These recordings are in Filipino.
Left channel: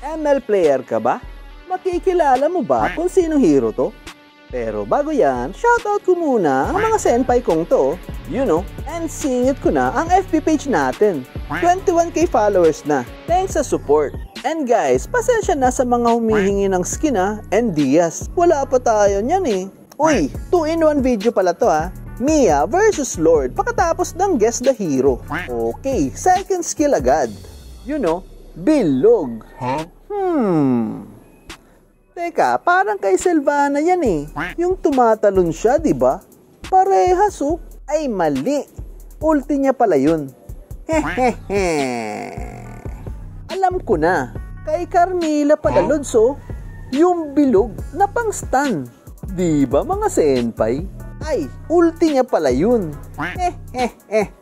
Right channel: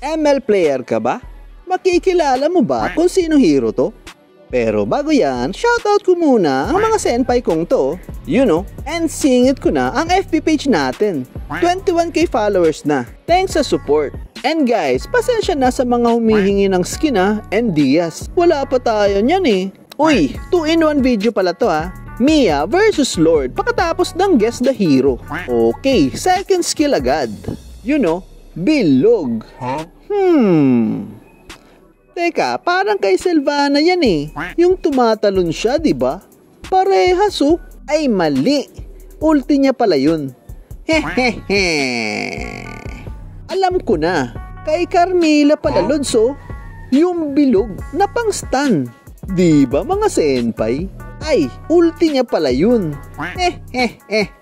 ML player ka ba? Makikilala mo ba kung sino hero to? Pero bago yan, shoutout ko muna ang mga senpai kong to, and singit ko na ang FB page natin. 21k followers na, thanks sa support. And guys, pasensya na sa mga humihingi ng skin and Diaz. Wala pa tayo niyan eh. Uy, 2-in-1 video pala to Mia versus Lord pagkatapos ng guess the hero. Okay, second skill agad. Bilog. Teka, parang kay Sylvana yan eh. Yung tumatalon siya, di ba? Parehas Ay mali. Ulti niya pala yun. Hehehe. Alam ko na. Kay Carmilla pala Lods yung bilog na pang stun. Di ba mga senpai? Ay, ulti niya pala yun. Hehehe.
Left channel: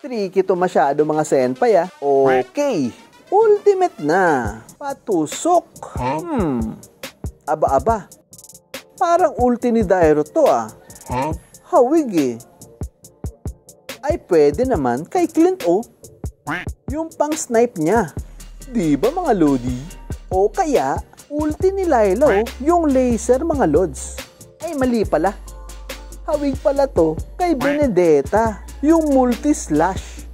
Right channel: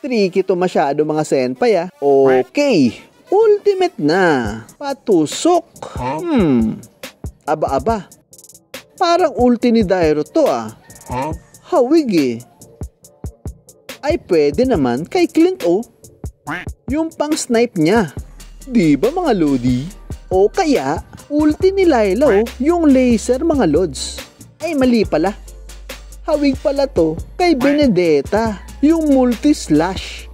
Tricky to masyado mga senpai Okay. Ultimate na. Patusok. Aba. Parang ulti ni Dairo to Hawig eh. Ay pwede naman kay Clint yung pang snipe niya. Di ba mga lodi? O kaya ulti ni Lilo yung laser mga lods. Ay mali pala. Hawig pala to kay Benedetta yung multi slash.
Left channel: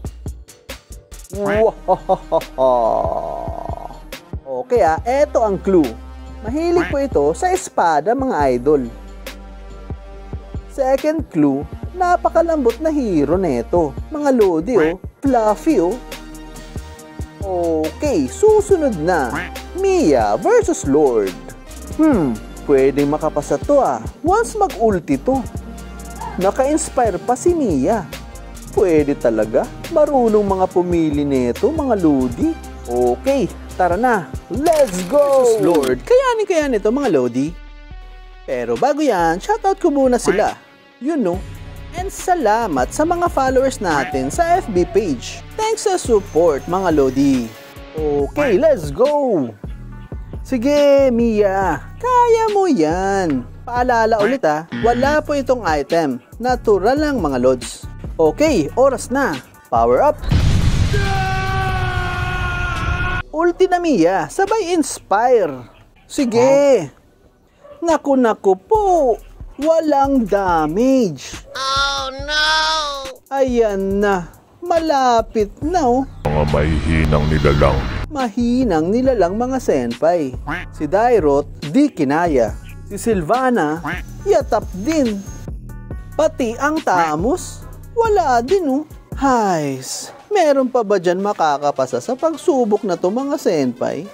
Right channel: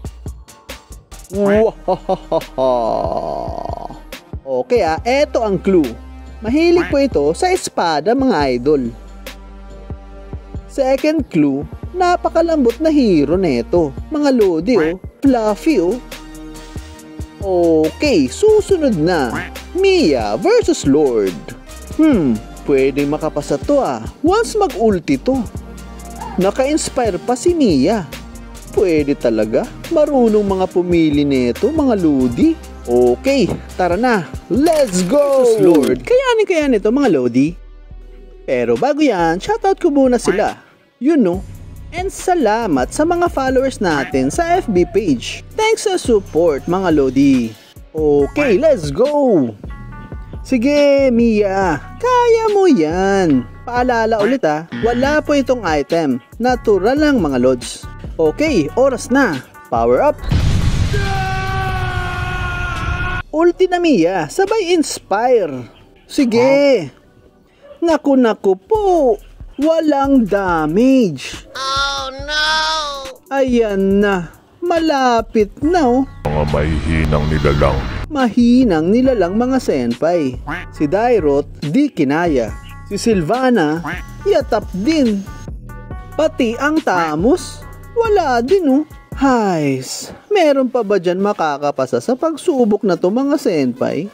Okay eto ang clue. Mahilig po ito sa espada mga idol. Second clue, napakalambot na hero neto. Mga lodi fluffy Okay, susunod na. Mia versus Lord. Pwedeng makapasa to once mag-ulti to. Naka-inspire pa si Mia. Pwede talaga. Marunong mga pumili nito, mga lodi. Okay, tara na. Let's go! Lord, kayanin ito mga lodi. Pero bago yan, shoutout ko muna sila. And salamat sa mga followers natin sa FB page. Thanks sa support mga lodi. Okay, let's go! Sige, Mia. Kaya mo yan. Paalala ulit wala po itong item. Natural lang mga lods. Okay, oras na. Power up. Ulti na Mia, sabay inspire. Sige. Naku po. Walang damage. Oh no! Ayan na. Malapit na Mga mahihinang nilalang. Mahinang nilalang mga senpai. Si Dairot, di kinaya. Si Sylvana, yatap din. Pati ang Tamos, wala din Hays, meron pa ba dyan makakapasa sa pagsubok na to mga senpai?